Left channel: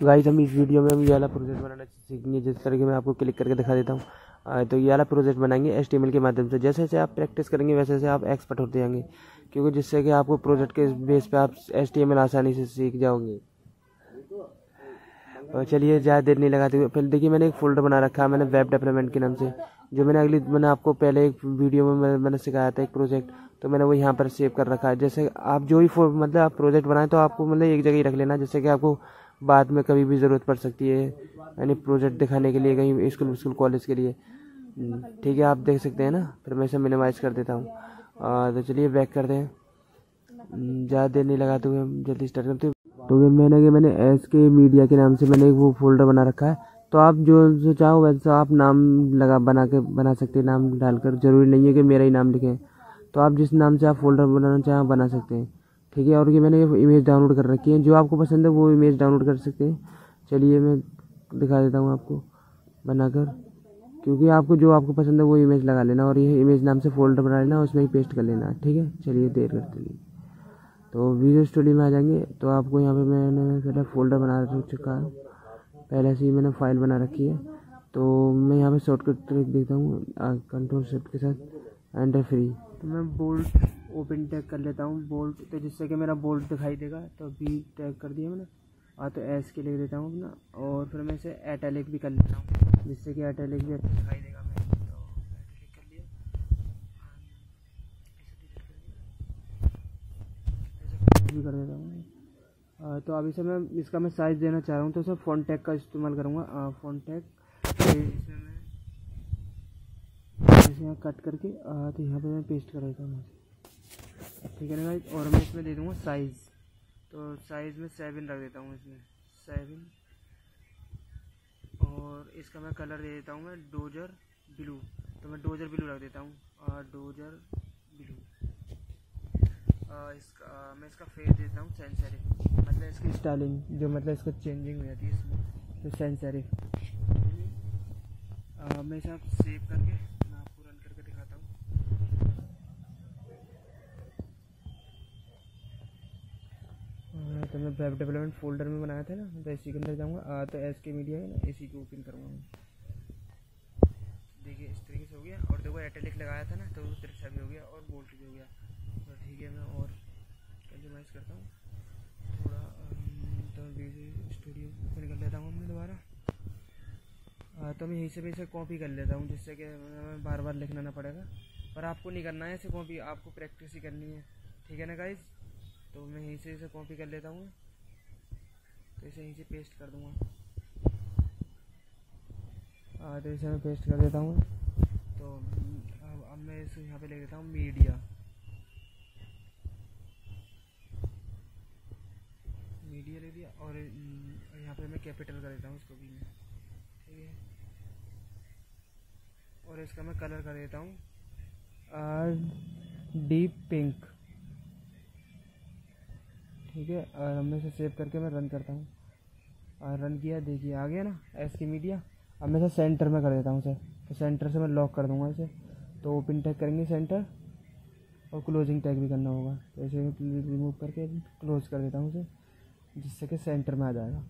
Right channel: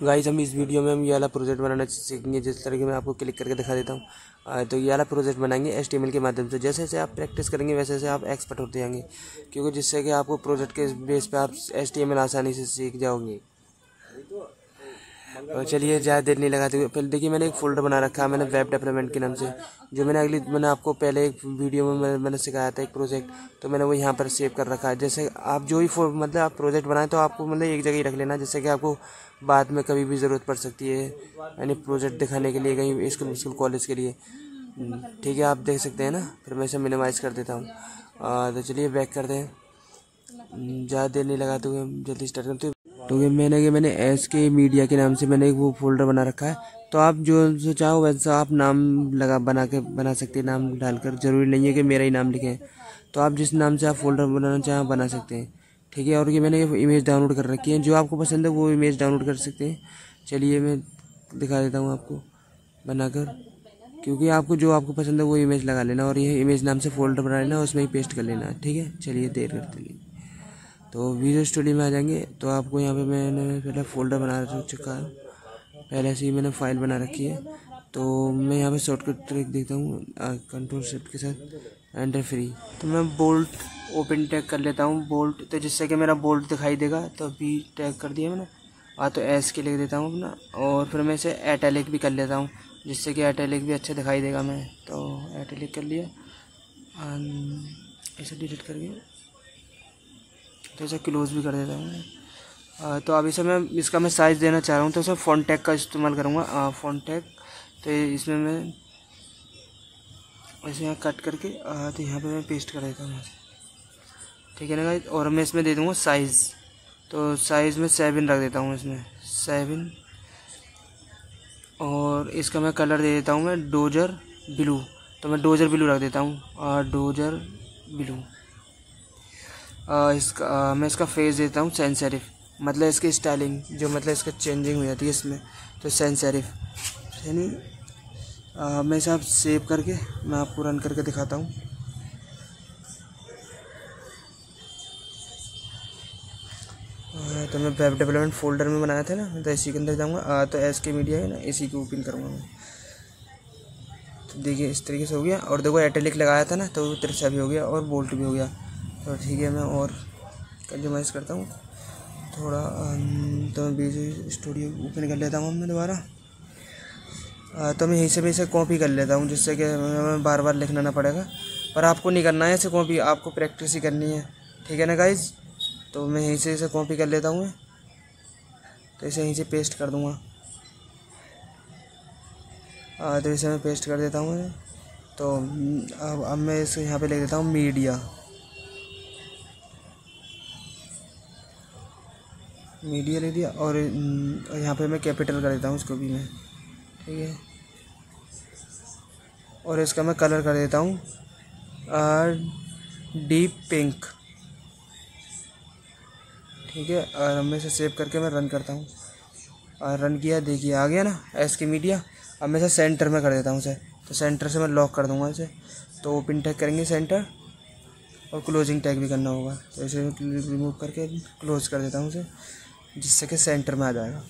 Guys हम इस video में हम ये वाला प्रोजेक्ट बनाना सीखेंगे, जिस तरीके मैं आपको क्लिक करके दिखा देता हूँ। तो ये वाला प्रोजेक्ट बनाएंगे HTML के माध्यम से। जैसे जैसे आप प्रैक्टिस करेंगे वैसे वैसे आप एक्सपर्ट होते जाएंगे, क्योंकि जिससे कि आपको प्रोजेक्ट के बेस पे आप HTML आसानी से सीख जाओगे। और चलिए ज़्यादा देर नहीं लगाते हुए पहले देखिए, मैंने एक फ़ोल्डर बना रखा है मैंने वेब डेवलपमेंट के नाम से, जो मैंने आपको पहले एक वीडियो में मैंने सिखाया था एक प्रोजेक्ट, तो मैंने वो यहाँ पर सेव कर रखा है। जैसे आप जो ही मतलब आप प्रोजेक्ट बनाएं तो आपको मतलब एक जगह ही रख लेना, जिससे कि आपको बाद में कभी भी ज़रूरत पड़ सकती है, यानी प्रोजेक्ट दिखाने के लिए कहीं स्कूल कॉलेज के लिए। ठीक है, आप देख सकते हैं ना। फिर मैं इसे मिनिमाइज़ कर देता हूँ। तो चलिए बैक करते हैं, ज़्यादा देर नहीं लगाते हुए हम जल्दी स्टार्ट करते हैं। तो मैंने SK मीडिया के नाम से मैंने एक वो फोल्डर बना रखा है। तो आप जो चाहो वैसा आप नाम बना सकते हैं, नाम डालकर। ज़रूरी नहीं है कि मेरा ही नाम लिखें, तो आप जिस नाम से आप फोल्डर बनाना चाहें बना सकते हैं। ठीक है, और ये मैंने इमेज डाउनलोड कर रखी है, जो आपको पसंद है वो इमेज डाउनलोड कर सकते हैं। चलिए मैं दिखा देता हूँ आपको बनाकर, क्योंकि आपको पसंद है वो इमेज लगा लेना, और ये इमेज नाम से फ़ोल्डर बना लेना, उसमें ही पेस्ट कर लेना। ठीक है, चलिए देर करते नहीं, तो विजुअल स्टूडियो में आ जाएंगे। तो आपको यहाँ पे मैंने पहले फ़ोल्डर बना चुका है, पहले से ही मैंने फ़ाइल बना रखी है। तो मैं यहाँ पे शॉर्टकट ट्रिक देखता हूँ, कंट्रोल शिफ्ट के साथ एंटर फ्री। तो मैं बोल्ट ओपन टैग कर लेता हूँ, बोल्ट, तो जिससे कि मेरा बोल्ट दिखाई देगा। तो भी टैग कर दिया मैंने, तो SK लिख देता हूँ अपना, और फिर मैं इसे एटैलिक भी कर लेता हूँ, जिससे कि एटैलिक भी अच्छा दिखाई देगा। मैं तो एटैलिक कर लिया, इसे डिलीट करके तो इसे क्लोज भी कर देता हूँ। तो अभी से मैं साइज़ देना चाह रहा हूँ, तो इसे फ़ॉन्ट टैग का इस्तेमाल करूँगा। फ़ॉन्ट टैग इसमें मैं ऐसे यहाँ कट करके तो यहाँ पे मैं पेस्ट कर देता हूँ। ठीक है ना गाइस, और मैं इसमें दे दूँगा साइज़। तो साइज़ में 7 रख देता हूँ, इसमें 7, और इसका मैं कलर दे देता हूँ मैं डोजर ब्लू। तो मैं डोजर ब्लू रख देता हूँ, डोजर ब्लू। मैं इसका फेस देता हूँ सैंस सेरिफ, मतलब इसकी स्टाइलिंग जो मतलब इसका चेंजिंग हो जाती है इसमें, तो सैंस सेरिफ यानी। मैं इसे आप सेव करके मैं आपको रन करके दिखाता हूँ। तो मैं वेब डेवलपमेंट फ़ोल्डर में बनाया था ना, तो इसी के अंदर जाऊँगा। तो SK मीडिया है ना, इसी को ओपन करूँगा मैं। तो देखिए इस तरीके से हो गया, और देखो एटैलिक लगाया था ना, तो तिरछा भी हो गया और बोल्ट भी हो गया। तो ठीक है, मैं और कस्टमाइज़ करता हूँ थोड़ा। तो मैं विजुअल स्टूडियो ओपन कर लेता हूँ मैं दोबारा। तो मैं यहीं से भी इसे कॉपी कर लेता हूँ, जिससे कि मैं बार बार लिखना ना पड़ेगा। पर आपको नहीं करना है इसे कॉपी, आपको प्रैक्टिस ही करनी है। ठीक है ना गाइज, तो मैं यहीं से इसे कॉपी कर लेता हूँ। तो इसे यहीं से पेस्ट कर दूँगा। तो इसे मैं पेस्ट कर देता हूँ। तो अब मैं इसे यहाँ पे लिख देता हूँ मीडिया ले दिया, और यहाँ पे मैं कैपिटल कर देता हूँ इसको भी मैं। ठीक है, और इसका मैं कलर कर देता हूँ डीप पिंक। ठीक है, और मैं इसे सेव करके मैं रन करता हूँ। रन किया, देखिए आ गया ना SK मीडिया। अब मैं इसे सेंटर में कर देता हूँ इसे, तो सेंटर से मैं लॉक कर दूँगा इसे। तो ओपन टैग करेंगे सेंटर, और क्लोजिंग टैग भी करना होगा। तो इसे रिमूव करके क्लोज कर देता हूँ इसे, जिससे कि सेंटर में आ जाएगा।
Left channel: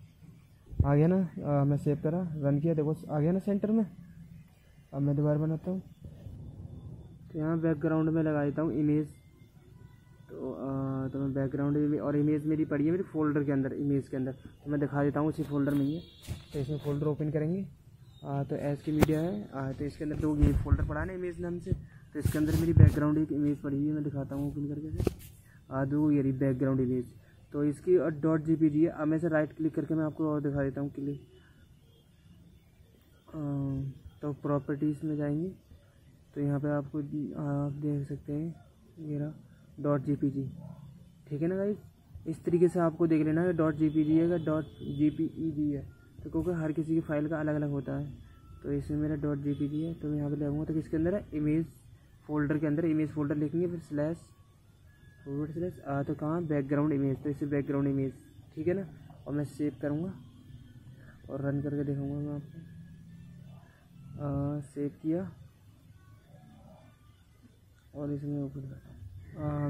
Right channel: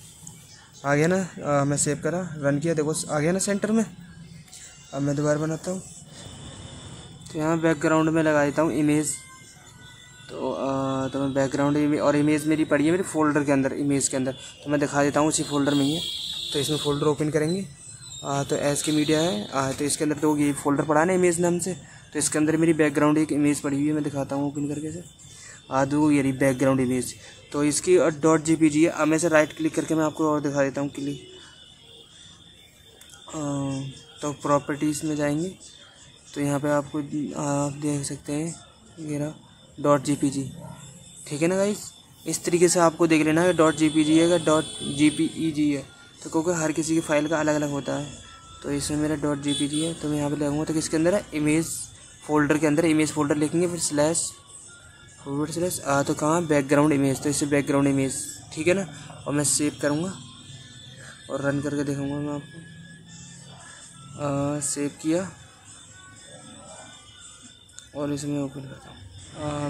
आ गया ना, मैं सेव करा, रन किया, देखो आ गया ना सेंटर में। अब मैं दोबारा बनाता हूँ। तो यहाँ बैकग्राउंड में लगा देता हूँ इमेज। तो मैं बैकग्राउंड और इमेज मेरी पड़ी है मेरे फ़ोल्डर के अंदर, इमेज के अंदर। तो मैं दिखा देता हूँ, उसी फ़ोल्डर में ही है। तो इसमें फ़ोल्डर ओपन करेंगे। तो SK मीडिया है। तो इसके अंदर तो ये फ़ोल्डर पड़ा है ना इमेज नाम से, तो इसके अंदर मेरी बैकग्राउंड एक इमेज पड़ी हुई है। मैं दिखाता हूँ ओपन करके से। दो ये रही बैकग्राउंड इमेज, तो इसकी .jpg है। अब मैं इसे राइट क्लिक करके मैं आपको और दिखा देता हूँ क्लिक। तो प्रॉपर्टीज़ में जाएंगे, तो यहाँ पे आपको आप देख सकते हैं ये रहा .jpg। ठीक है ना गाइस, इस तरीके से आपको देख लेना है .jpg है या .jpeg है, तो क्योंकि हर किसी की फ़ाइल का अलग अलग होता है। तो इसमें मेरा .jpg है, तो मैं यहाँ पे लगाऊंगा। तो किसके अंदर है, इमेज फ़ोल्डर के अंदर इमेज फ़ोल्डर लिखेंगे, फिर // तो कहाँ बैकग्राउंड इमेज, तो इससे बैकग्राउंड इमेज। ठीक है ना, और मैं सेव करूँगा और रन करके देखूँगा मैं आपको। सेव किया और इसमें ओपन करता हूँ।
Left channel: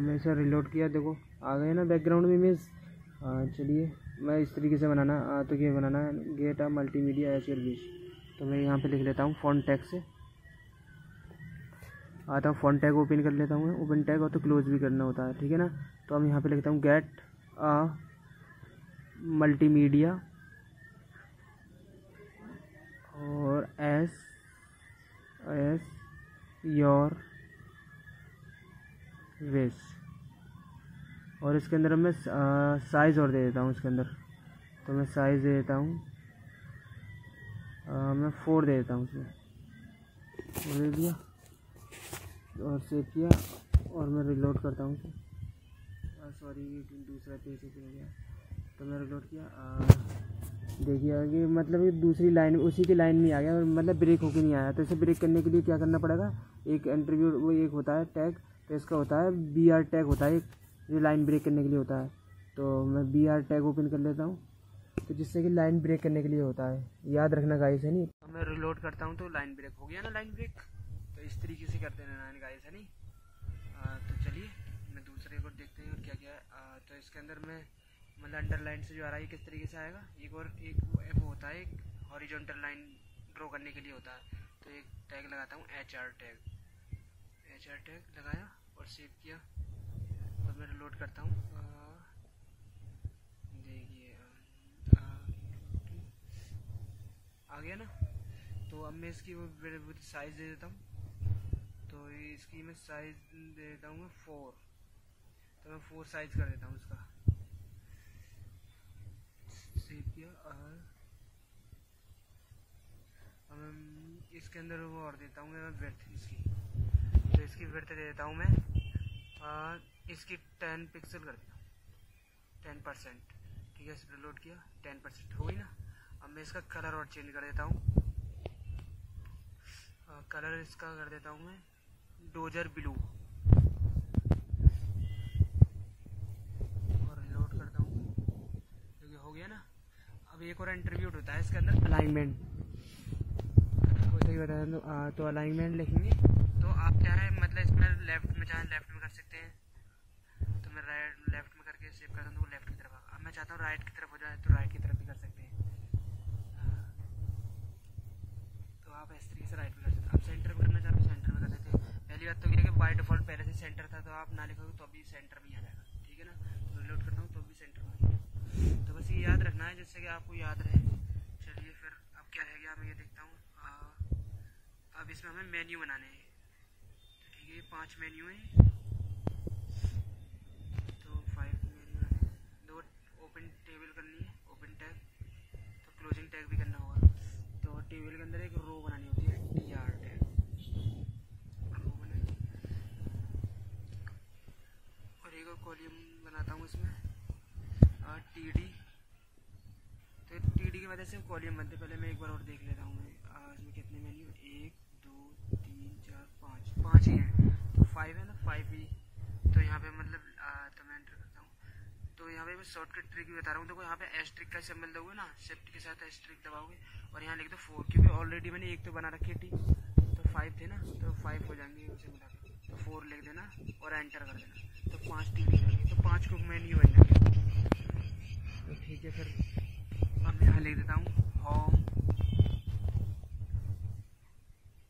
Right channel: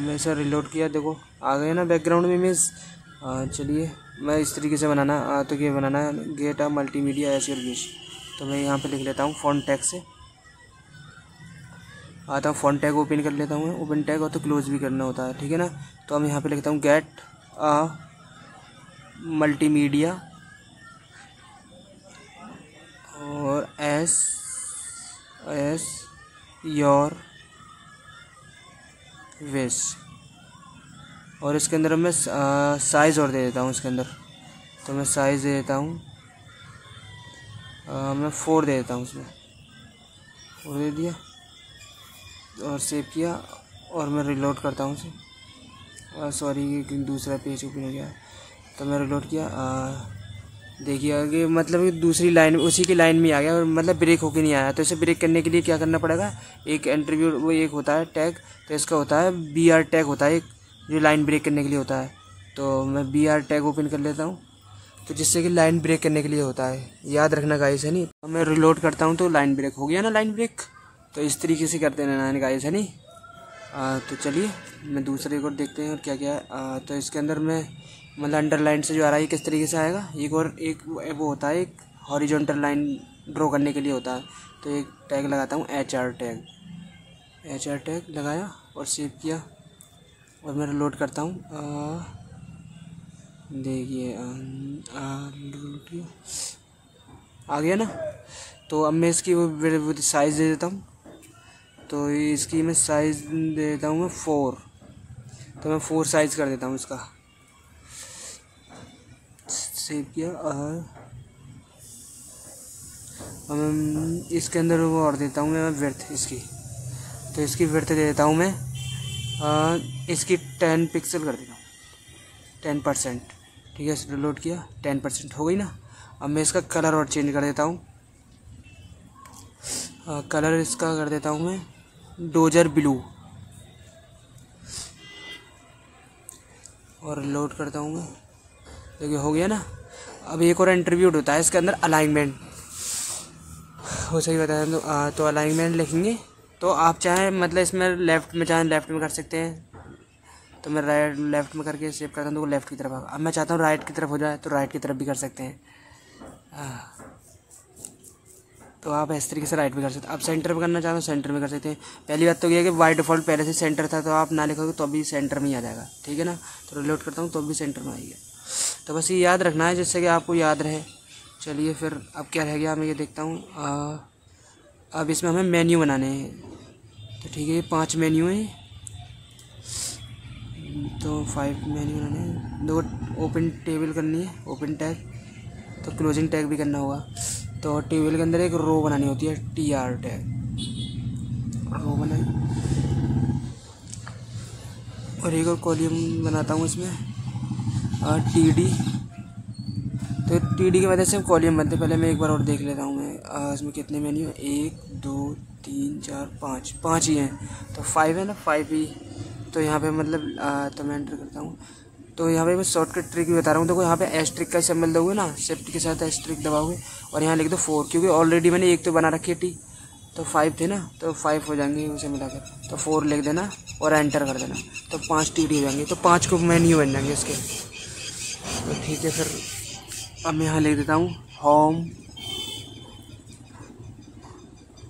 मैं इसे रिलोड किया, देखो आ गया ना बैकग्राउंड में इमेज। चलिए मैं इस तरीके से बनाना तो ये बनाना है get a multimedia as your wish. तो मैं यहाँ पे लिख लेता हूँ फॉन्ट टैग से आता हूँ, फॉन्ट टैग ओपन कर लेता हूँ। ओपन टैग और तो क्लोज भी करना होता है, ठीक है ना। तो हम यहाँ पे लिखता हूँ गेट अ मल्टीमीडिया और एस योर विश। और इसके अंदर मैं साइज़ और दे देता हूँ इसके अंदर। तो मैं साइज़ दे देता हूँ मैं 4 दे देता हूँ उसमें। 4 दे दिया और सेव किया और मैं रिलोड करता हूँ उसे। सॉरी दूसरा पेज ओपन हो गया। तो मैं रिलोड किया, देखिए आगे मतलब दूसरी लाइन उसी की लाइन में आ गया और मतलब ब्रेक होके नहीं आया। तो इसे ब्रेक करने के लिए क्या करना पड़ेगा, एक एंट्रीब्यूट वो एक होता है टैग, तो इसका होता है BR टैग होता है एक, जो लाइन ब्रेक करने के लिए होता है। तो मैं BR टैग ओपन कर लेता हूँ, तो जिससे कि लाइन ब्रेक करने के लिए होता है, याद रखना गाइस है नहीं। अब मैं रिलोड करता हूँ तो लाइन ब्रेक हो गया ना, लाइन ब्रेक। तो इस तरीके से करते रहना गाइस है नहीं। तो चलिए मैं दूसरे को देखते हैं और क्या क्या है। तो इसके अंदर मैं मतलब अंडरलाइन से जो आ रहा है किस तरीके से आएगा, एक वो होता है एक हॉरिजॉन्टल लाइन ड्रॉ करने के लिए होता है। तो एक टैग लगाता हूँ HR टैग लगाया और सेव किया और मैं लोड करता हूँ। देखिए आ गया ना। तो अब मैं इसकी वो साइज़ दे देता हूँ। तो इसकी मैं साइज़ दे देता हूँ मैं 4। तो मैं 4 साइज़ कर देता हूँ इसका, सेव किया। और इसके अंदर वो और देता हूँ मैं विड्थ इसकी। तो इसकी विड्थ दे देता हूँ मैं इसकी 10 पिक्सल कर देता हूँ, 10%। ठीक है, रिलोड किया, 10% हो गई ना। अब मैं इसका कलर और चेंज कर देता हूँ। कलर इसका कर देता हूँ मैं डोजर ब्लू और लोड करता हूँ मैं। देखिए हो गया ना। अब एक और एंट्रीब्यूट होता है इसके अंदर अलाइनमेंट, हो सही बताया। तो अलाइनमेंट लिखेंगे तो आप चाहें मतलब इसमें लेफ़्ट में चाहें लेफ़्ट में कर सकते हैं। तो मैं राइट लेफ़्ट में करके सेव करता हूँ तो वो लेफ़्ट की तरफ आएगा। अब मैं चाहता हूँ राइट की तरफ हो जाए तो राइट की तरफ भी कर सकते हैं। तो आप इस तरीके से राइट में कर सकते हैं। आप सेंटर में करना चाहते हो सेंटर में कर सकते हैं। पहली बात तो ये है कि बाय डिफ़ॉल्ट पहले से सेंटर था, तो आप ना लिखोगे तो अभी सेंटर में ही आ जाएगा, ठीक है ना। तो रिलोड करता हूँ तो अभी सेंटर में आएगी। तो बस ये याद रखना है जिससे कि आपको याद रहे। चलिए फिर अब क्या रह गया, मैं ये देखता हूँ। अब इसमें हमें मेन्यू बनाने हैं। तो ठीक है, ये 5 मेन्यू हैं, तो 5 मेन्यू बनाने हैं। 2 ओपन टेबल करनी है, ओपन टैग, तो क्लोजिंग टैग भी करना होगा। तो टेबल के अंदर एक रो बनानी होती है, TR टैग, रो बनाई। और एक और कॉलम बनाता हूँ इसमें TD। तो TD की मदद से कॉलम बनते। पहले मैं एक बार और देख लेता हूँ मैं इसमें कितने मेन्यू, 1 2 3 4 5 ही हैं। तो 5 है ना, 5 ही। तो यहाँ पे मतलब तो मैं एंटर करता हूँ। तो यहाँ पे मैं शॉर्टकट ट्रिक भी बता रहा हूँ। देखो यहाँ पे एस्ट्रिक का सिंबल दोगे ना, शिफ्ट के साथ एस्ट्रिक दबाओगे और यहाँ लिख दो 4, क्योंकि ऑलरेडी मैंने एक तो बना रखी है T, तो 5 थे ना, तो 5 हो जाएंगे उसे मिलाकर। तो 4 लिख देना और एंटर कर देना, तो 5 TD हो जाएंगे। तो 5 को मेन्यू बन जाएंगे इसके। तो ठीक है, फिर अब मैं यहाँ लिख देता हूँ होम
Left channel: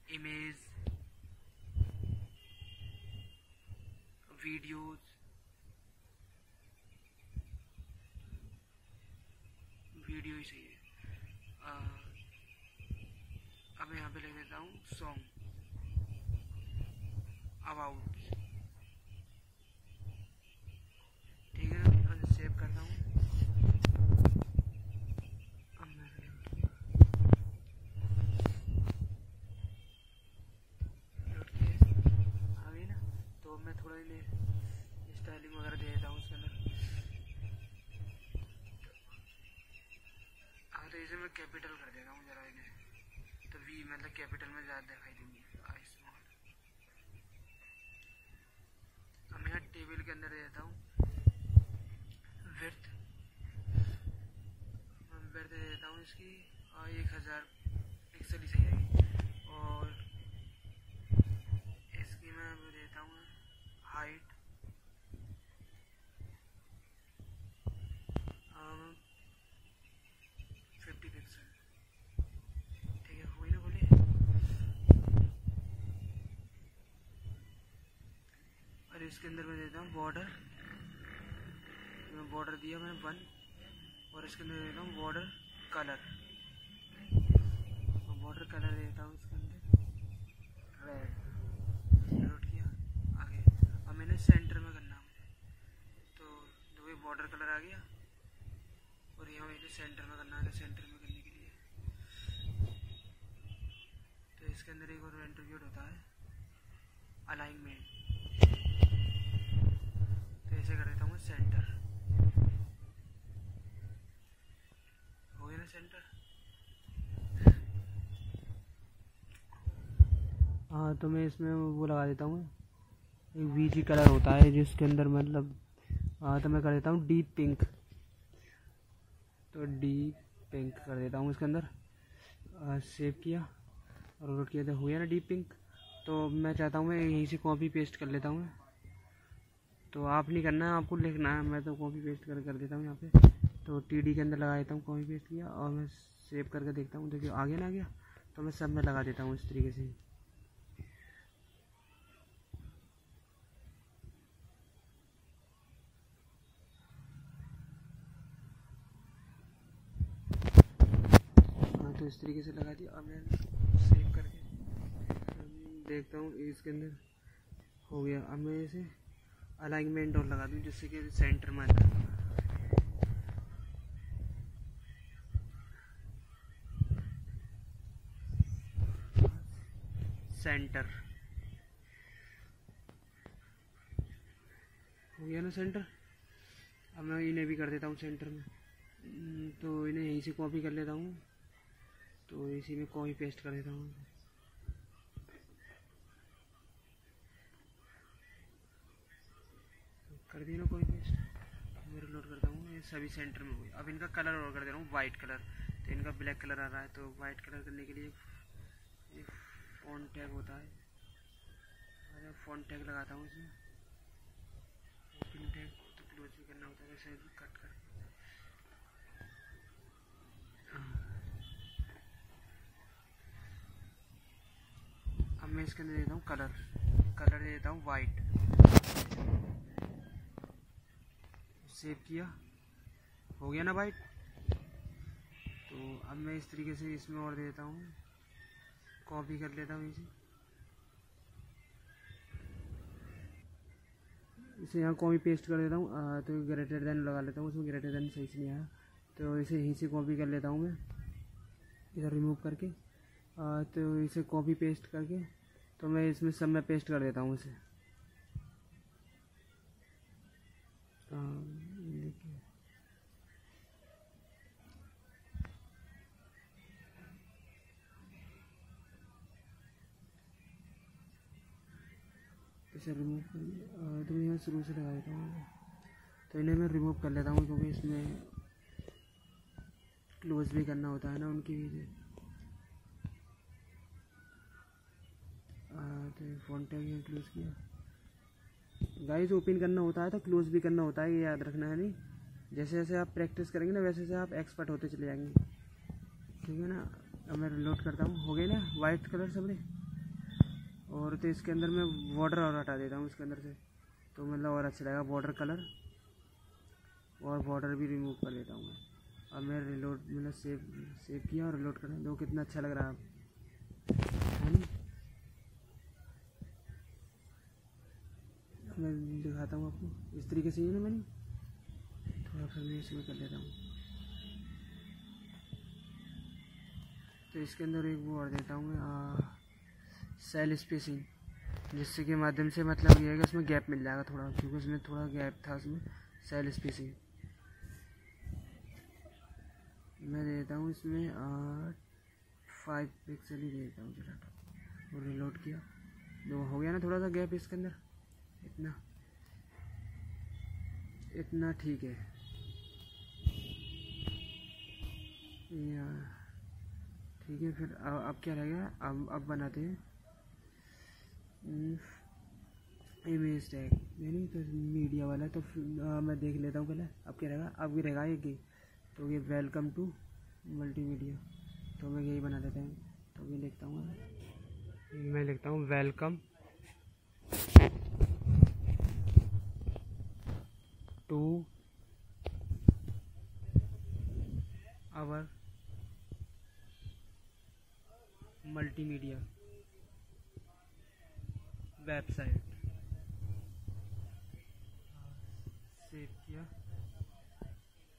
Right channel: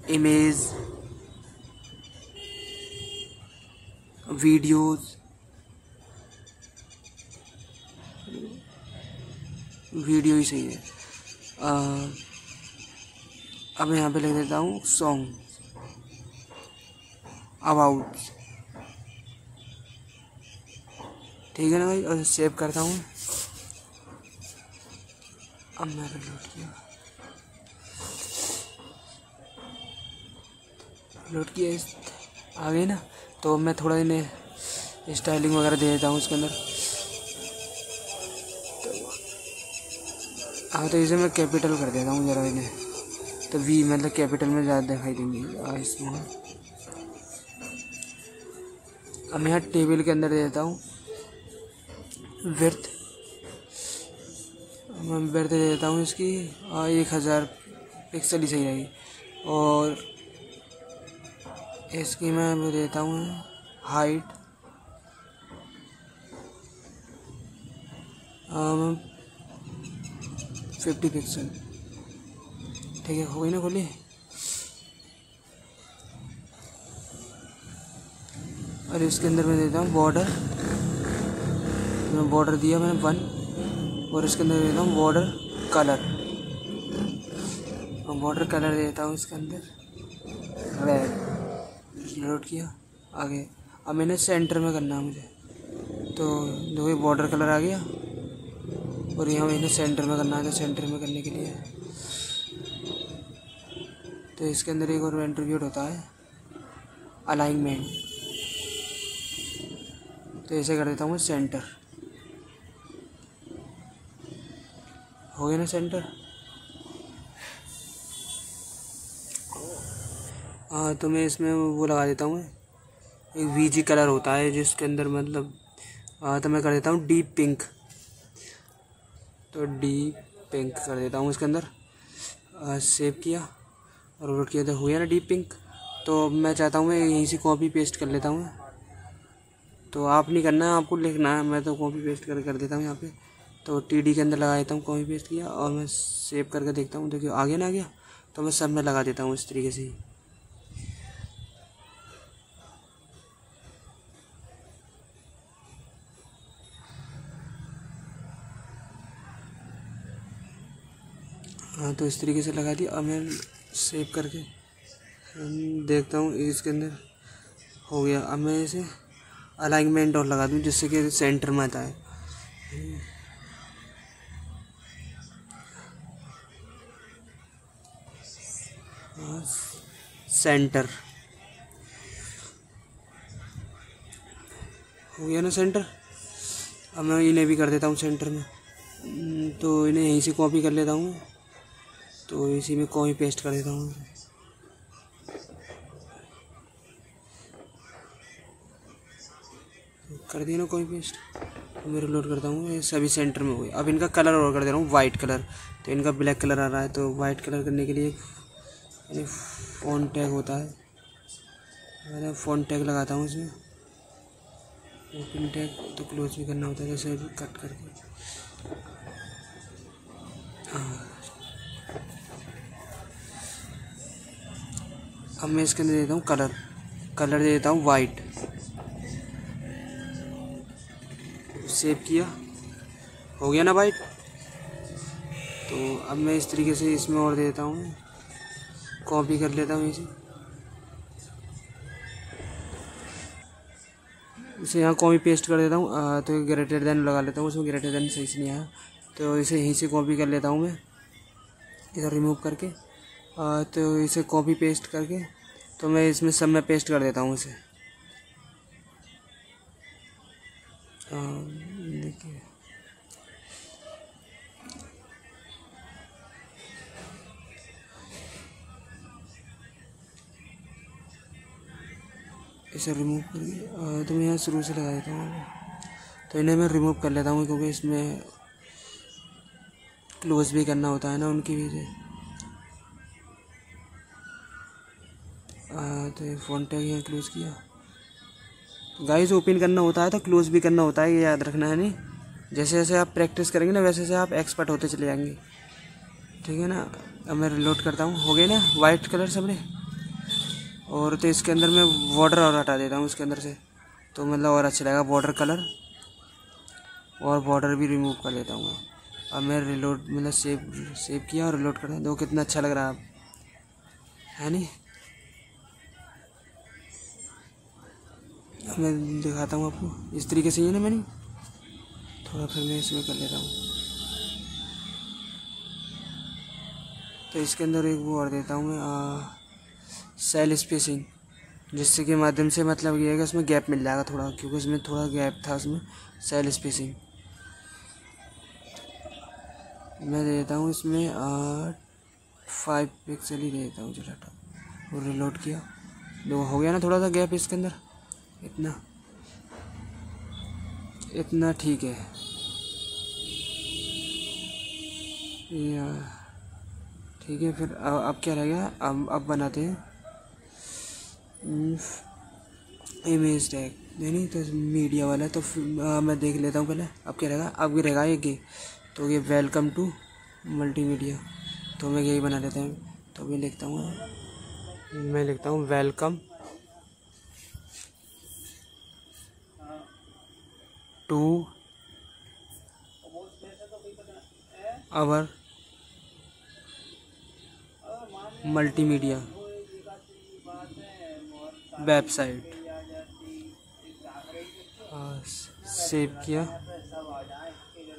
इमेज वीडियोज़, वीडियो ही सही है। अब यहाँ पे लिख देता हूँ सॉन्ग अबाउट, ठीक है ना भाई। और सेव करता हूँ। अब मैं लोड किया आ गई ना। तो मैं थोड़ा इन्हें स्टाइलिंग वगैरह दे देता हूँ इसके अंदर। हाँ, तो इसे मैं कैपिटल कर देता हूँ ज़रा इन्हें, तो V मतलब कैपिटल में ज़्यादा दिखाई देंगी इसमें। अब मैं यहाँ टेबल के अंदर दे देता हूँ विड्थ। मैं विड्थ दे देता हूँ इसकी 1000 पिक्सल ही सही रहेगी। और इसकी मैं वो देता हूँ हाइट 50 पिक्सल। ठीक है, हो गई ना खोली। और इसके अंदर मैं देता हूँ बॉर्डर। मैं बॉर्डर दिया मैंने 1, और इसके अंदर देता हूँ बॉर्डर कलर। और बॉर्डर कलर देता हूँ इसके अंदर रेड। नोट किया आगे। अब मैंने सेंटर में करना है मुझे, तो दो बॉर्डर कलर आ गया, और यहाँ मैंने सेंटर में करना है। तो सेंटर में करने के लिए तो इसके अंदर एक और एट्रिब्यूट होता है अलाइनमेंट। तो ऐसे कर देता हूँ मैं सेंटर। हो गया ना सेंटर। हाँ, तो मैं इसमें वो लगा देता हूँ, एक वीजी कलर होता है जिसके अंदर मतलब तो मैं कर देता हूँ डीप पिंक। तो डीप पिंक कर देता हूँ इसके अंदर। सेव किया और रोट किया, तो हुआ ना डीप पिंक। तो मैं चाहता हूँ मैं यहीं से कॉपी पेस्ट कर लेता हूँ। तो आप नहीं करना है, आपको लिखना है। मैं तो कॉपी पेस्ट कर देता हूँ यहाँ पे। तो टीडी के अंदर लगा देता हूँ, कॉपी पेस्ट किया, और मैं सेव करके देखता हूँ। देखिए आ गया ना, आ गया। तो मैं सब में लगा देता हूँ इस तरीके से ही। हाँ, तो इस तरीके से लगा दिया। अब मैं सेव करके देखता हूँ इसके अंदर हो गया। अब मैं इसे अलाइनमेंट और लगा दूँ जिससे कि सेंटर में आता है। सेंटर हो गया ना सेंटर। अब मैं इन्हें भी कर देता हूँ सेंटर में। तो इन्हें यहीं से कॉपी कर लेता हूँ। तो इसी में कॉपी पेस्ट कर देता हूँ। कर दिया ना कॉपी पेस्ट। तो मैं रिलोड करता हूँ, ये सभी सेंटर में हो गए। अब इनका कलर और कर दे रहा हूँ वाइट कलर। तो इनका ब्लैक कलर आ रहा है, तो वाइट कलर करने के लिए फ़ॉन्ट टैग होता है। मैं फ़ॉन्ट टैग लगाता हूँ इसमें। ओपन टैग तो क्लोज भी करना होता है, जैसे कट करके। हाँ, अब मैं इसके अंदर देता हूँ कलर दे देता हूँ वाइट। सेव किया, हो गया ना वाइट। तो अब मैं इस तरीके से इसमें और देता हूँ, कॉपी कर लेता हूँ इसे यहाँ कॉपी पेस्ट कर देता हूँ। तो ग्रेटर देन लगा लेता हूँ, उसमें ग्रेटर देन सही से नहीं आया। तो इसे यहीं से कॉपी कर लेता हूँ मैं, इधर रिमूव करके। तो इसे कॉपी पेस्ट करके तो मैं इसमें सब में पेस्ट कर देता हूँ इसे। देखिए इसे रिमूव करके तो मैं यहाँ शुरू से लगा देता हूँ। तो इन्हें मैं रिमूव कर लेता हूँ क्योंकि इसमें क्लोज भी करना होता है ना उनकी वजह। तो ये फ़ॉन्ट टैग यहाँ क्लोज किया। गाइस ओपन करना होता है तो क्लोज भी करना होता है, ये याद रखना है। नहीं, जैसे जैसे आप प्रैक्टिस करेंगे ना वैसे वैसे आप एक्सपर्ट होते चले जाएंगे। ठीक है ना। अब मैं रिलोड करता हूँ, हो गए ना वाइट कलर सबने। और तो इसके अंदर मैं बॉर्डर और हटा देता हूँ इसके अंदर से, तो मतलब और अच्छा लगेगा बॉर्डर कलर। और बॉर्डर भी रिमूव कर लेता हूँ मैं। अब मैं रिलोड मतलब सेव किया और रिलोड कर दो, कितना अच्छा लग रहा है नहीं। अब मैं दिखाता हूँ आपको इस तरीके से ही ना। मैंने थोड़ा फिर मैं इसमें कर लेता हूँ। तो इसके अंदर एक वो और देता हूँ मैं सेल स्पेसिंग, जिससे के माध्यम से मतलब ये है कि उसमें गैप मिल जाएगा थोड़ा, क्योंकि उसमें थोड़ा गैप था उसमें। सेल स्पेसिंग मैं देता हूँ इसमें 5 पिक्सल ही देता हूँ। चलो और रिलोड किया, दो हो गया ना थोड़ा सा गैप इसके अंदर। इतना ठीक है। ठीक है, फिर अब क्या रह गया। अब बनाते हैं इमेज टैग। नहीं तो मीडिया वाला तो मैं देख लेता हूँ पहले। अब क्या रहेगा, अब भी रहेगा ये तो ये वेलकम टू मल्टीमीडिया, तो मैं यही बना लेता हूँ। तो मैं लिखता हूँ welcome to our multimedia website. Save किया।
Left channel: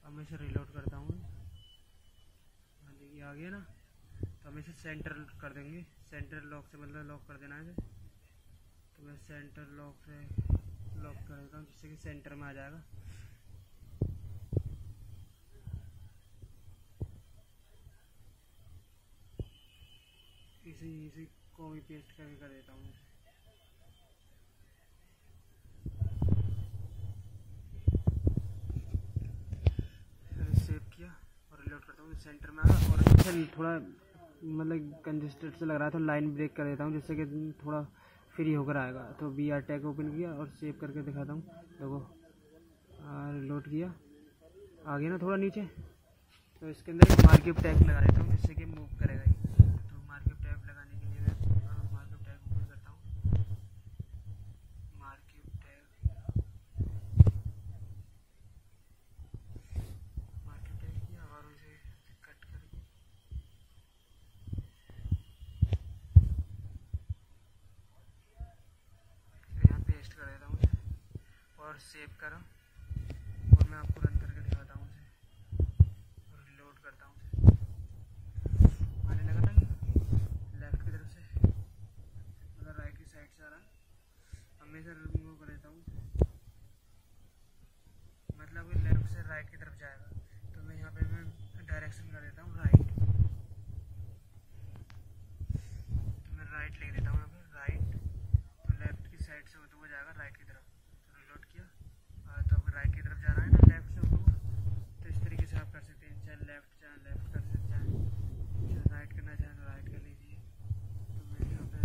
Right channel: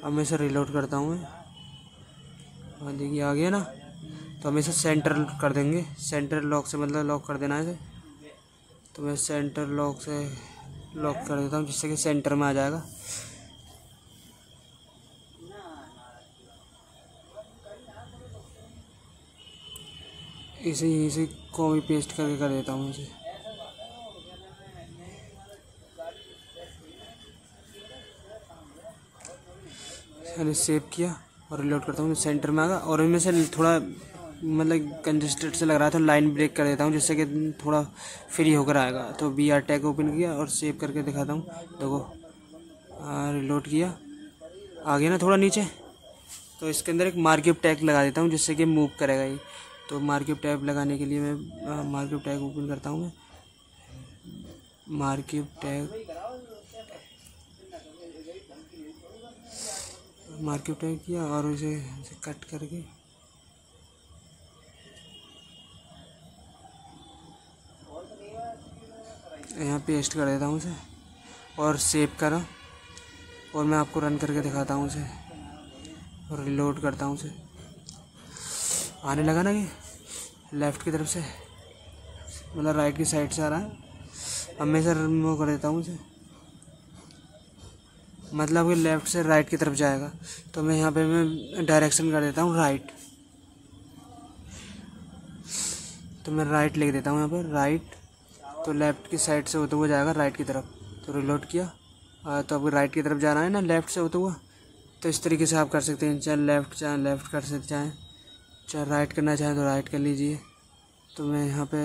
अब मैं इसे रिलोड करता हूँ। हाँ देखिए आ गया ना। तो हम इसे सेंटर कर देंगे, सेंटर लॉक से, मतलब लॉक कर देना है इसे। तो मैं सेंटर लॉक से लॉक कर देता हूँ जिससे कि सेंटर में आ जाएगा। इसे यहीं से कॉपी पेस्ट करके कर देता हूँ इसे। मैंने सेव किया और रिलोड करता हूँ, सेंटर में आ गया। और इनमें से थोड़ा मतलब कंजेस्टेड से लग रहा था, तो लाइन ब्रेक कर देता हूँ जिससे कि थोड़ा फ्री होकर आएगा। तो VR टैग ओपन किया और सेव करके दिखाता हूँ। देखो रिलोड किया, आ गया ना थोड़ा नीचे। तो इसके अंदर एक मार्कअप टैग लगा देता हूँ जिससे कि मूव करेगा ये। तो मार्कअप टैग लगाने के लिए मैं मार्कअप टैग ओपन करता हूँ। मैं मार्कअप टैग किया और इसे कट करके यहाँ पेस्ट कर देता हूँ इसे और सेव करा। और मैं आपको रन करके दिखाता हूँ इसे और रिलोड करता हूँ इसे। आने लगा ना ये लेफ़्ट की तरफ से, मतलब राइट की साइड से आ रहा है। अब मैं इसे रिमूव कर देता हूँ इसे, मतलब कि लेफ़्ट से राइट की तरफ जाएगा। तो मैं यहाँ पे मैं डायरेक्शन कर देता हूँ राइट। तो मैं राइट लिख देता हूँ यहाँ पर राइट। तो लेफ़्ट की साइड से होते हुए जाएगा राइट की तरफ। तो रिलोड किया। तो अब राइट की तरफ जा रहा है ना लेफ़्ट से होता हुआ। तो इस तरीके से आप कर सकते हैं, चाहे लेफ़्ट कर सकते चाहे राइट करना चाहें तो राइट कर लीजिए। तो मैं यहाँ पे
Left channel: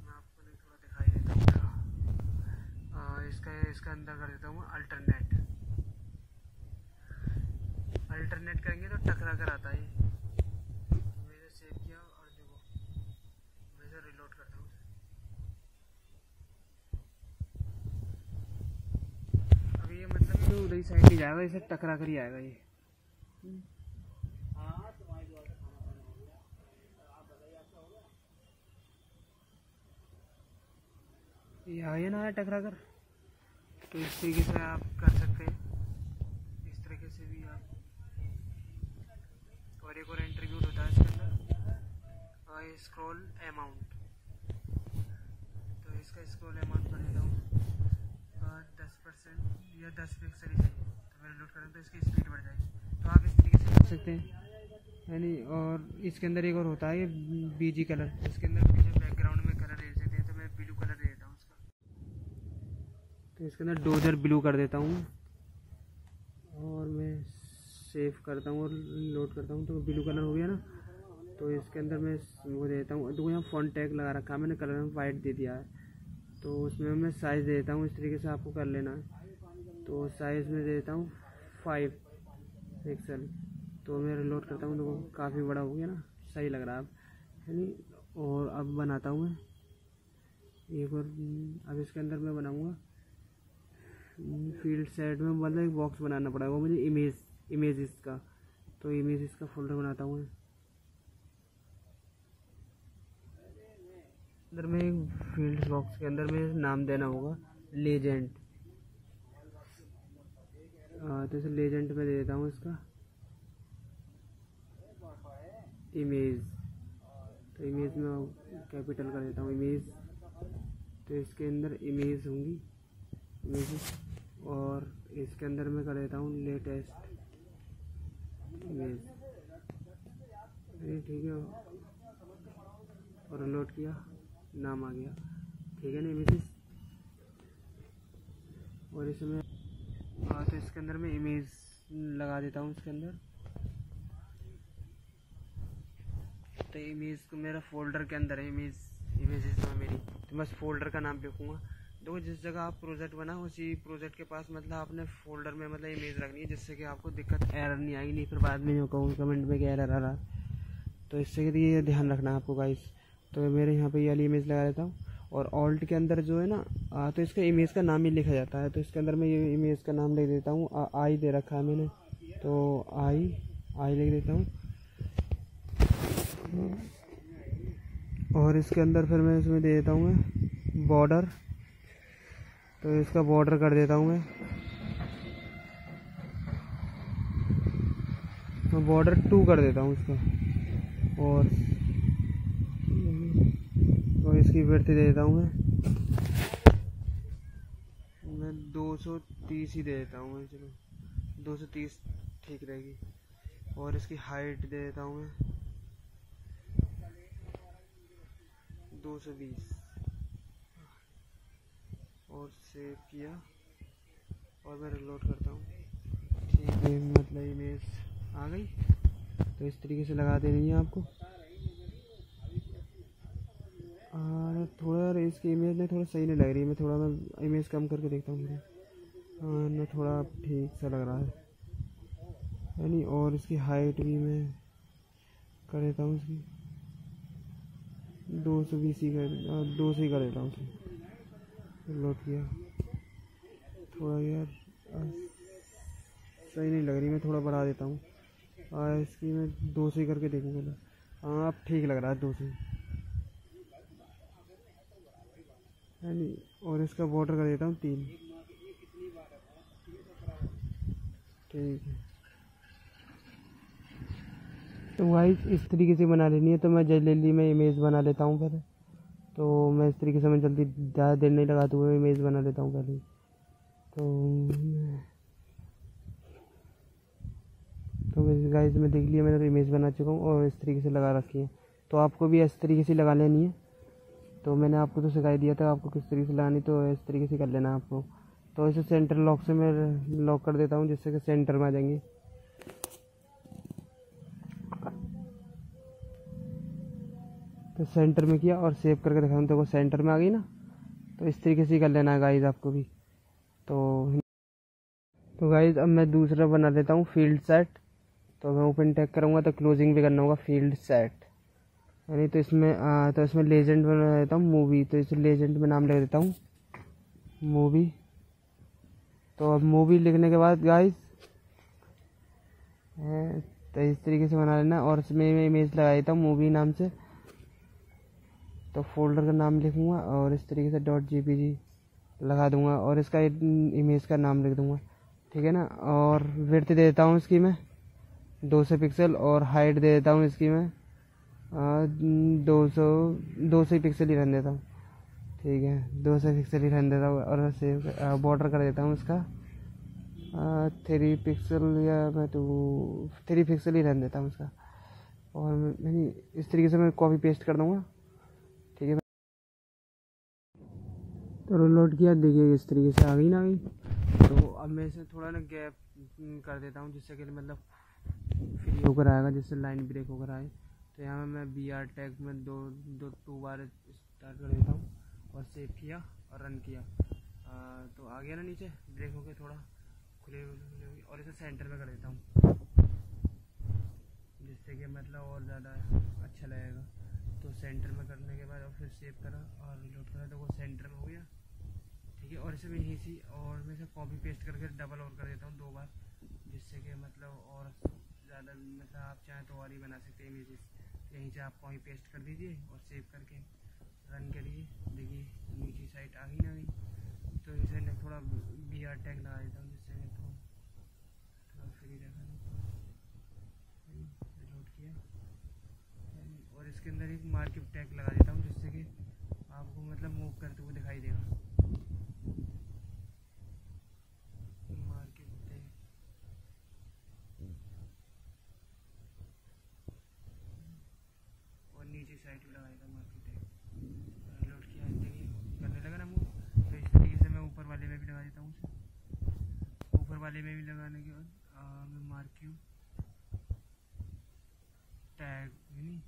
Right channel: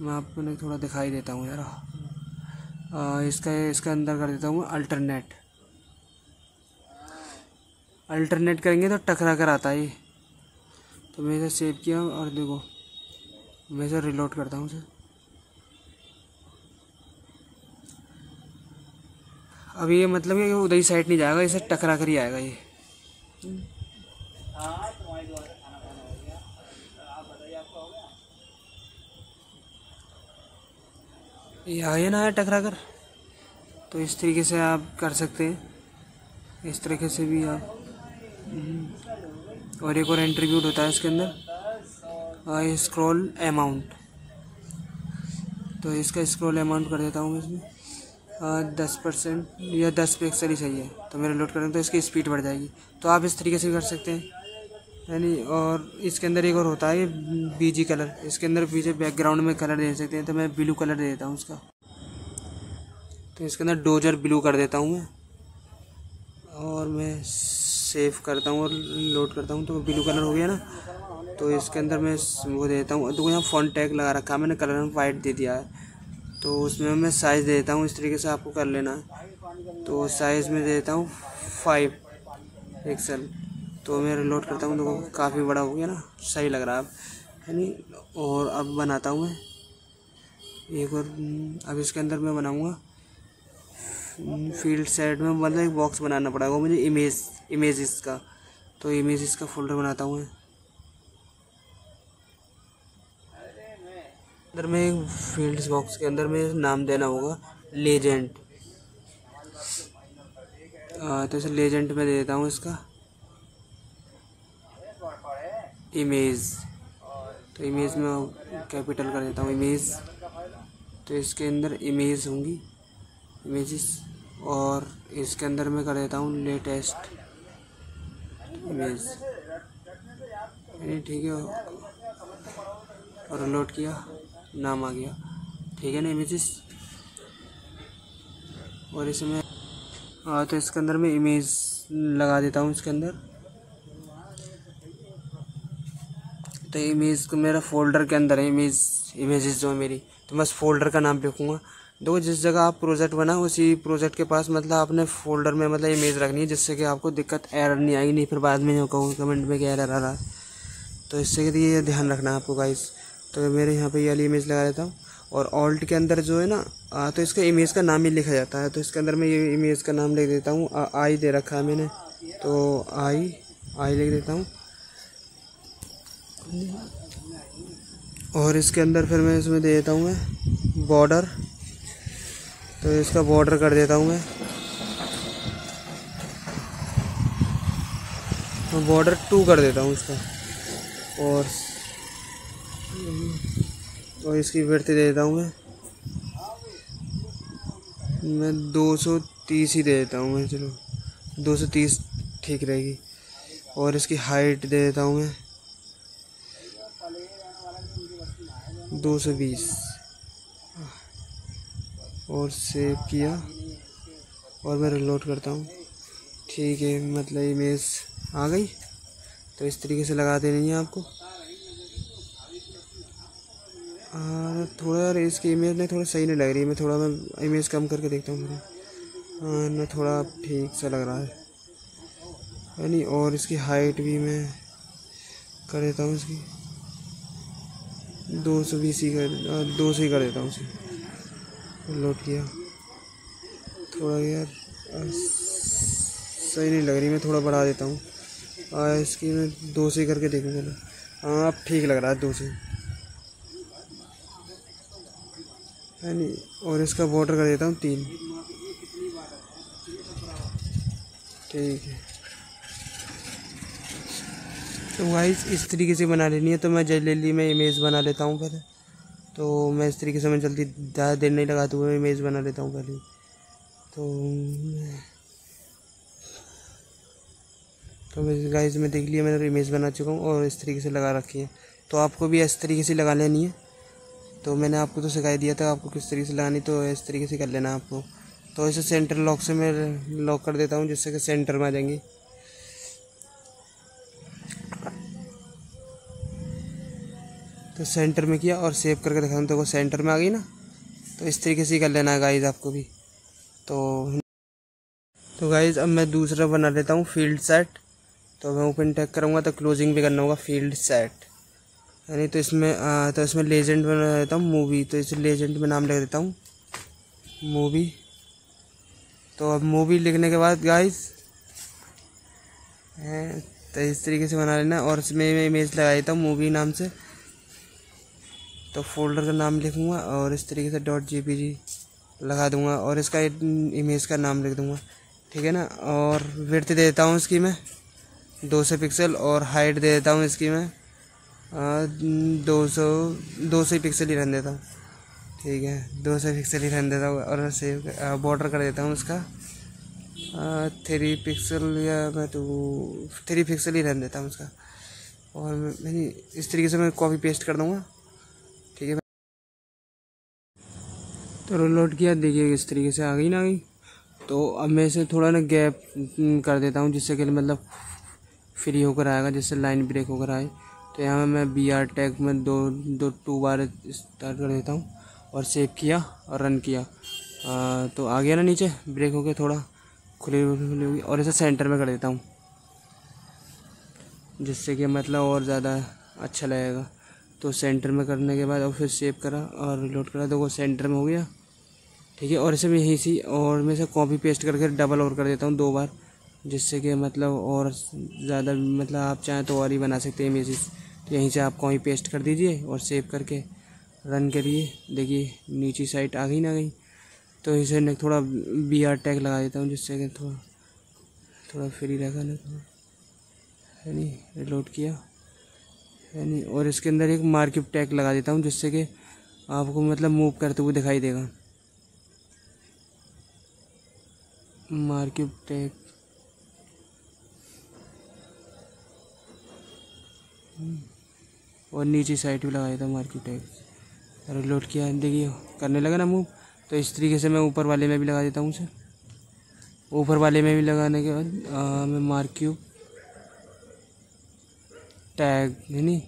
मैं आपको थोड़ा दिखाई देता हूँ ज़रा। इसका अंदर कर देता हूँ अल्टरनेट करेंगे तो टकरा कर आता है ये। तो मैं इसे सेव किया और देखो मैं इसे रिलोड करता हूँ इसे। अब ये मतलब कि उधर ही साइड नहीं जाएगा, इसे टकरा कर ही आएगा ये। ये आया ना टकरा कर। तो इस तरीके से आप कर सकते हैं, इस तरीके से भी आप। और एक और एट्रीब्यूट होता है इसके अंदर, स्क्रॉल अमाउंट। तो इसका स्क्रॉल अमाउंट कर देता हूँ मैं इसमें 10% या 10 पिक्सल ही सही है। तो मैं रिलोड करूँ तो इसकी स्पीड बढ़ जाएगी। तो आप इस तरीके से कर सकते हैं यानी। और इसके अंदर एक और होता है BG कलर, इसके अंदर पीछे बैकग्राउंड में कलर दे सकते हैं। तो मैं ब्लू कलर दे देता हूँ उसका। तो इसके अंदर डोजर ब्लू कर देता हूँ मैं और मैं सेव करता हूँ और लोड करता हूँ। तो ब्लू कलर हो गया ना। तो इसके अंदर मैं वो देता हूँ, तो यहाँ फॉन्ट टैग लगा रखा है मैंने, कलर में वाइट दे दिया है। तो उसमें मैं साइज़ दे देता हूँ, इस तरीके से आपको कर लेना है। तो साइज़ में दे देता हूँ 5 पिक्सल। तो मैं रिलोड करता हूँ तो काफ़ी बड़ा हो गया ना, सही लग रहा है नहीं। और अब बनाता हूँ मैं एक और। अब इसके अंदर मैं बनाऊँगा फील्ड सेट में, मतलब एक बॉक्स बनाना पड़ेगा मुझे इमेजेस का। तो इमेजेस का फोल्डर बनाता हूँ मैं। अंदर में एक फील्ड्स बॉक्स के अंदर में नाम देना होगा लेजेंड। तो इसे लेजेंड में दे देता हूँ इसका इमेज। तो इमेज में कैपिटल कर देता हूँ इमेज। तो इसके अंदर इमेज होंगी इमेजेस। और इसके अंदर मैं कर देता हूँ लेटेस्ट इमेज। ठीक है। और लोड किया, नाम आ गया, ठीक है ना इमेजेस। और इसमें तो इसके अंदर मैं इमेज लगा देता हूँ इसके अंदर। तो इमेज को मेरा फोल्डर के अंदर है इमेजेस जो है मेरी। तो मैं उस फोल्डर का नाम लिखूँगा देखो जिस जगह आप प्रोजेक्ट बना उसी प्रोजेक्ट के पास मतलब आपने फोल्डर में मतलब इमेज रखनी है, जिससे कि आपको दिक्कत एरर नहीं आएगी, नहीं फिर बाद में जो कहूँ कमेंट में कि एरर आ रहा है। तो इससे के लिए ध्यान रखना है आपको गाइस। तो मेरे यहाँ पे ये वाली इमेज लगा देता हूँ और ऑल्ट के अंदर जो है ना तो इसका इमेज का नाम ही लिखा जाता है। तो इसके अंदर मैं ये इमेज का नाम लिख देता हूँ, आई दे रखा है मैंने, तो आई लिख देता हूँ। और इसके अंदर फिर मैं इसमें दे देता हूँ मैं बॉर्डर, तो इसका बॉर्डर कर देता हूँ मैं बॉर्डर 2 कर देता हूँ इसका। और इसकी विड्थ दे देता हूँ मैं 230 ही दे देता हूँ मैं, चलो 230 ठीक रहेगी। और इसकी हाइट दे देता हूँ मैं 220 और सेव किया और मैं रिलोड करता हूँ। ठीक है, मतलब इमेज आ गई। तो इस तरीके से लगा देनी है आपको। थोड़ा यार इसकी इमेज नहीं थोड़ा सही नहीं लग रही है, मैं इमेज कम करके देखता हूँ मेरी। ना थोड़ा ठीक सा लग रहा है नहीं। और इसकी हाइट भी मैं कर देता हूँ, इसकी 220 ही कर 200 ही कर देता हूँ उसे। लोड किया, थोड़ा यार सही नहीं लग रही, मैं थोड़ा बढ़ा देता हूँ। इसकी मैं 200 ही करके देखूँगा। हाँ अब ठीक लग रहा है 200 है नहीं। और इसका बॉर्डर कर देता हूँ 3। ठीक है, तो गाइस इस तरीके से बना लेनी है। तो मैं जल्दी में इमेज बना लेता हूँ पहले। तो मैं इस तरीके से मैं जल्दी ज़्यादा देर नहीं लगाते हुए इमेज बना लेता हूँ पहले। तो गाइस मैं देख लिया, मैंने इमेज बना चुका हूँ और इस तरीके से लगा रखी है। तो आपको भी इस तरीके से लगा लेनी है। तो मैंने आपको तो सिखाई दिया था आपको किस तरीके से लगानी, तो इस तरीके से कर लेना आपको। तो इसे सेंटर लॉक से मैं लॉक कर देता हूँ, जिससे कि सेंटर में आ जाएंगी। तो सेंटर में किया और सेव करके दिखाता हूँ, तो वो सेंटर में आ गई ना। तो इस तरीके से ही कर लेना है गाइस आपको भी। तो गाइस अब मैं दूसरा बना लेता हूँ फील्ड सेट। तो मैं ओपन टैग करूँगा तो क्लोजिंग भी करना होगा फील्ड सेट, यानी तो इसमें लेजेंड बना देता हूँ मूवी। तो इस लेजेंड में नाम लिख देता हूँ मूवी। तो अब मूवी लिखने के बाद गाइस तो इस तरीके से बना लेना। और इसमें मैं इमेज लगा देता हूँ मूवी नाम से। तो फोल्डर का नाम लिखूँगा और इस तरीके से .jpg लगा दूँगा और इसका इमेज का नाम लिख दूँगा, ठीक है ना। और विड्थ दे देता हूँ इसकी मैं 200 पिक्सल और हाइट दे देता हूँ इसकी मैं 200 ही पिक्सल ही रहने देता हूँ, ठीक है 200 पिक्सल ही रहने देता हूँ। और सेव बॉर्डर कर देता हूँ इसका 3 पिक्सल, या मैं तो 3 पिक्सल ही रहने देता हूँ इसका। और मैं इस तरीके से मैं कॉपी पेस्ट कर दूँगा, ठीक है। तो रोल किया, देखिए इस तरीके से आ गई ना गई। तो अब मैं इसे थोड़ा ना गैप कर देता हूँ, जिससे कि मतलब फ्री होकर आएगा, जिससे लाइन ब्रेक होकर आए। तो यहाँ मैं BR टैग में 2 बार स्टार्ट कर देता हूँ और सेव किया और रन किया। तो आ गया ना नीचे ब्रेक होकर थोड़ा खुली होगी। और इसे सेंटर में कर देता हूँ, जिससे कि मतलब और ज़्यादा अच्छा लगेगा। तो सेंटर में करने के बाद और फिर सेव करा और रिलोड करा, तो वो सेंटर में हो गया, ठीक है। और इसे मैं यहीं से और मैं इसे कॉपी पेस्ट करके डबल और कर देता हूँ 2 बार, जिससे कि मतलब और ज़्यादा मतलब आप चाहें तो और ही बना सकते हैं इमेजेस। तो यहीं से आप कॉपी पेस्ट कर दीजिए और सेव करके रन करिए। देखिए नीचे साइड आ गई ना गई। तो इसे मैं थोड़ा BR टैग लगा देता हूँ, जिससे कि थोड़ा फ्री रहेगा ना, थोड़ा है नहीं। रिलोड किया है नहीं। और इसके अंदर एक मार्किंग टैग लगा देता हूँ, जिससे कि आपको मतलब मूव करते हुए दिखाई देगा। मार्किंग टैग और नीचे साइड भी लगाया था मार्किंग टैग। रिलोड किया, देखिए करने लगा ना मूव। तो इस तरीके से मैं ऊपर वाले में भी लगा देता हूँ उसे। ऊपर वाले में भी लगाने के बाद मैं मार्किंग टैग है नहीं,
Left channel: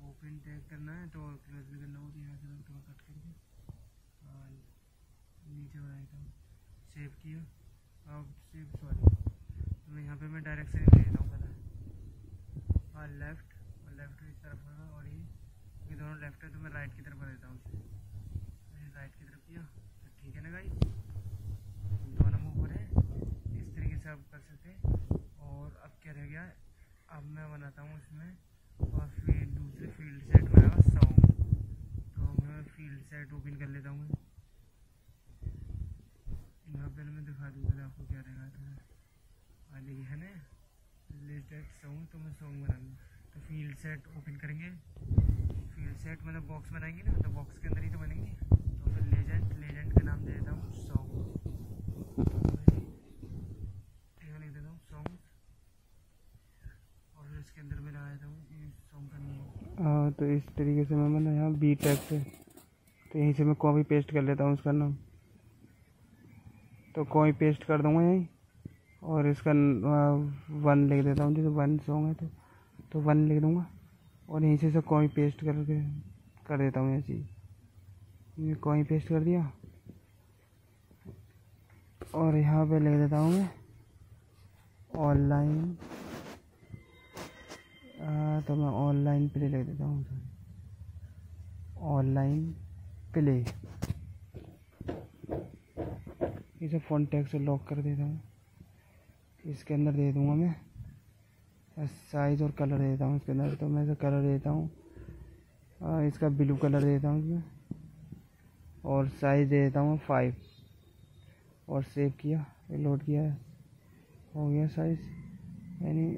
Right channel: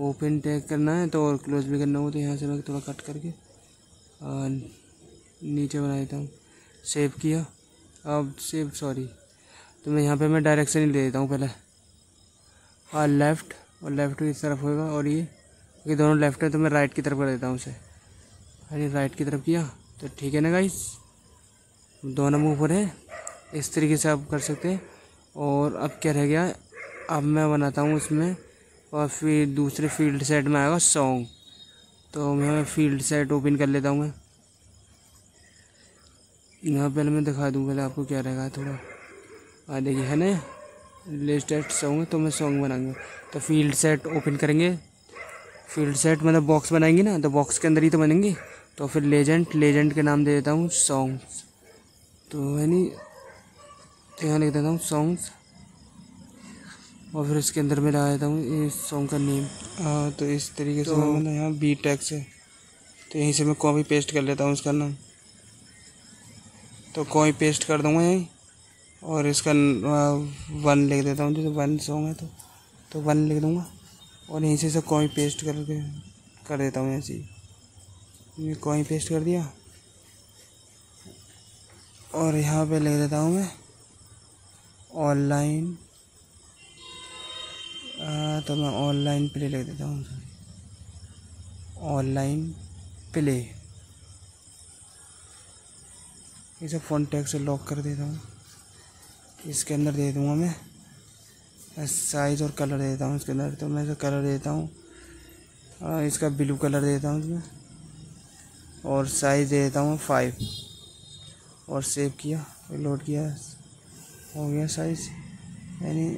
ओपन टैग करना है तो और क्लोज भी करना हो। तो यहाँ से मैं थोड़ा कट करके नीचे बना देता हूँ। सेव किया, अब सेव सॉरी, तो मैं यहाँ पे मैं डायरेक्शन ही दे देता हूँ पहले, और लेफ़्ट, और लेफ़्ट की तरफ होगा, और ये दोनों लेफ़्ट है तो मैं राइट की तरफ कर देता हूँ उसे। अरे राइट की तरफ किया तो ठीक है ना गाइस, दोनों मुँह पर है, इस तरीके से आप कर सकते हैं। और अब क्या रह गया, अब मैं बनाता हूँ उसमें, और फिर दूसरे फील्ड सेट में आएगा सॉन्ग। तो मैं फील्ड सेट ओपन कर लेता हूँ। मैं यहाँ पहले मैं दिखा दूँ पहले आपको क्या रहेगा थोड़ा, देखिए है ना लेटेस्ट सॉन्ग है, तो मैं सॉन्ग बनाएंगे। तो फील्ड सेट ओपन करेंगे, फील्ड सेट मतलब बॉक्स बनाएंगे ना, तो बॉक्स के अंदर ही तो बनेंगे। तो फिर लेजेंड के नाम दे देता हूँ सॉन्ग्स, तो है नहीं, तो यहाँ लिख देता हूँ सॉन्ग्स, और फिर इसके अंदर मैं लगा देता हूँ इस सॉन्ग का नेम। तो इस तरीके से मैं यहाँ बी टैग से, तो यहीं से मैं कॉपी पेस्ट कर लेता हूँ इसका नाम, तो कॉपी पेस्ट कर दूँगा यहीं, और इसका 1 लिख देता हूँ, जैसे 1 सॉन्ग है तो 1 लिख दूँगा, और यहीं से सब कॉपी पेस्ट करके कर देता हूँ ऐसे ही। ये कॉपी पेस्ट कर दिया, और यहाँ पे लिख देता हूँ मैं ऑनलाइन, तो मैं ऑनलाइन प्ले लिख देता हूँ, ऑनलाइन प्ले। इसे फ़ॉन्ट टैग से लॉक कर देता हूँ। इसके अंदर दे दूँगा मैं साइज़ और कलर दे देता हूँ इसके अंदर, तो मैं इसे कलर देता हूँ, इसका ब्लू कलर देता हूँ इसमें, और साइज़ दे देता हूँ 5, और सेव किया, लोड किया, हो गया साइज़ यानी।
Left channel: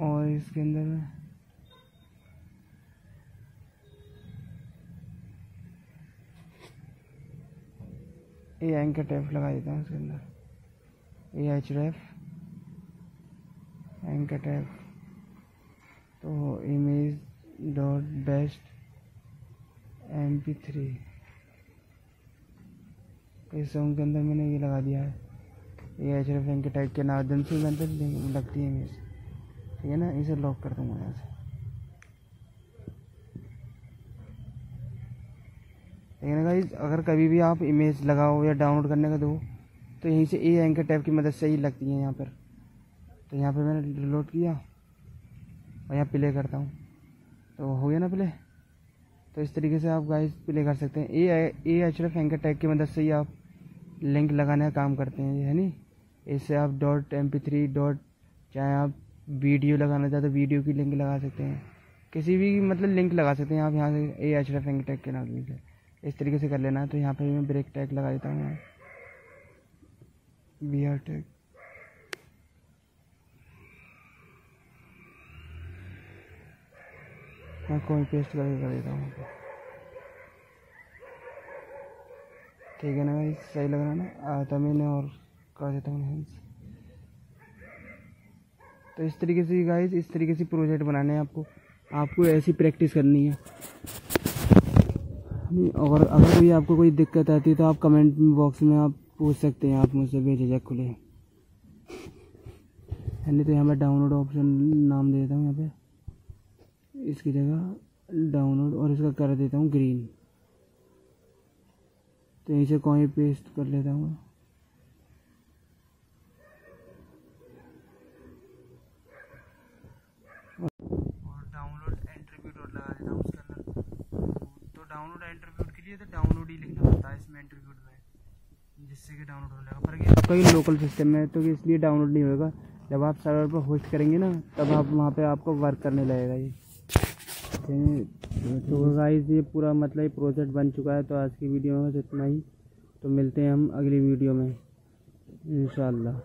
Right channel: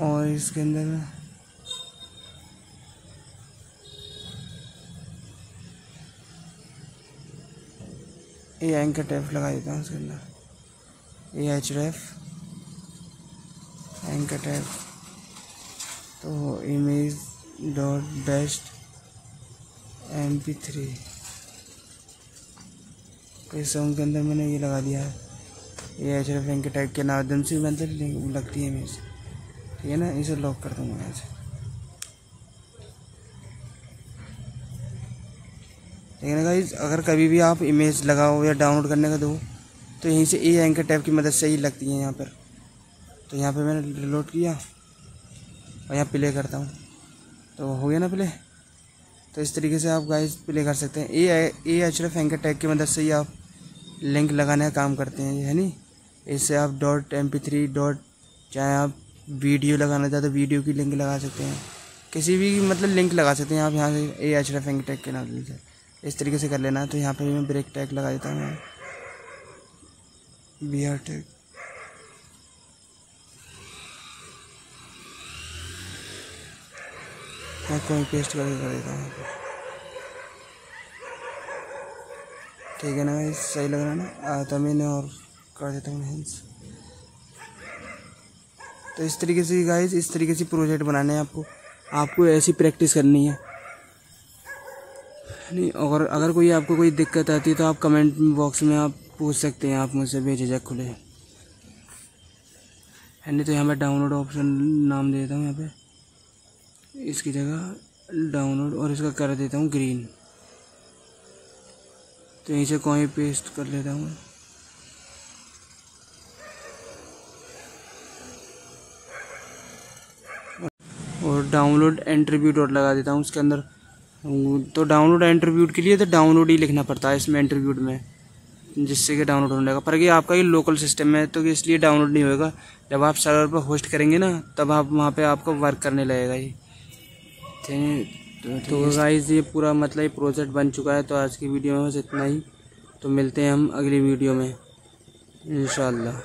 और इसके अंदर ये एंकर टैप लगा देता हूँ इसके अंदर, ये href एंकर टैप। तो इमेज डॉट बेस्ट mp3, इस सॉन्ग के अंदर मैंने ये लगा दिया है, ये href एंकर टैग के माध्यम से मतलब लगती है इमेज, ठीक है ना। इसे लॉक कर दूँगा यहाँ से, ठीक है ना गाइस। अगर कभी भी आप इमेज लगाओ या डाउनलोड करने का दो, तो यहीं से ए एंकर टैब की मदद से ही लगती है यहाँ पर। तो यहाँ पे मैंने रिलोड किया, और यहाँ प्ले करता हूँ, तो हो गया ना प्ले। तो इस तरीके से आप गाइस प्ले कर सकते हैं। ए href एंकर टैग की मदद से ही आप लिंक लगाने का काम करते हैं, है नहीं। इससे आप .mp3 चाहे आप वीडियो लगाना चाहते तो वीडियो की लिंक लगा सकते हैं, किसी भी मतलब लिंक लगा सकते हैं आप यहाँ से ए href एंकर टैग के नाम से। इस तरीके से कर लेना है। तो यहाँ पर मैं ब्रेक टैग लगा देता हूँ, BR टैग, और कोई पेस्ट करके कर देता हूँ, ठीक है ना भाई, सही लग रहा है ना। तो मैंने और कर देता हूँ हैंड्स। तो इस तरीके से गाइस, इस तरीके से प्रोजेक्ट बनाने हैं आपको ऐसी प्रैक्टिस करनी है नहीं। और अगर कोई आपको कोई दिक्कत आती है तो आप कमेंट बॉक्स में आप पूछ सकते हैं, आप मुझसे बेझिझक खुले है नहीं। तो यहाँ पे डाउनलोड ऑप्शन नाम दे देता हूँ यहाँ पे, इसकी जगह डाउनलोड, और इसका कर देता हूँ ग्रीन। तो यहीं से कहीं पेस्ट कर लेता हूँ, और डाउनलोड एंट्रीब्यूट और लगा देता हूँ उसके अंदर। तो डाउनलोड एंट्रीब्यूट के लिए तो डाउनलोड ही लिखना पड़ता है इसमें एंट्रीब्यूट में, जिससे कि डाउनलोड होने लगा। पर ये आपका ही लोकल सिस्टम है तो इसलिए डाउनलोड नहीं होएगा। जब आप सर्वर पर होस्ट करेंगे ना, तब आप वहाँ पे आपको वर्क करने लगेगा ये। तो गाइस ये पूरा मतलब ये प्रोजेक्ट बन चुका है। तो आज की वीडियो में बस इतना ही। तो मिलते हैं हम अगली वीडियो में इंशाल्लाह।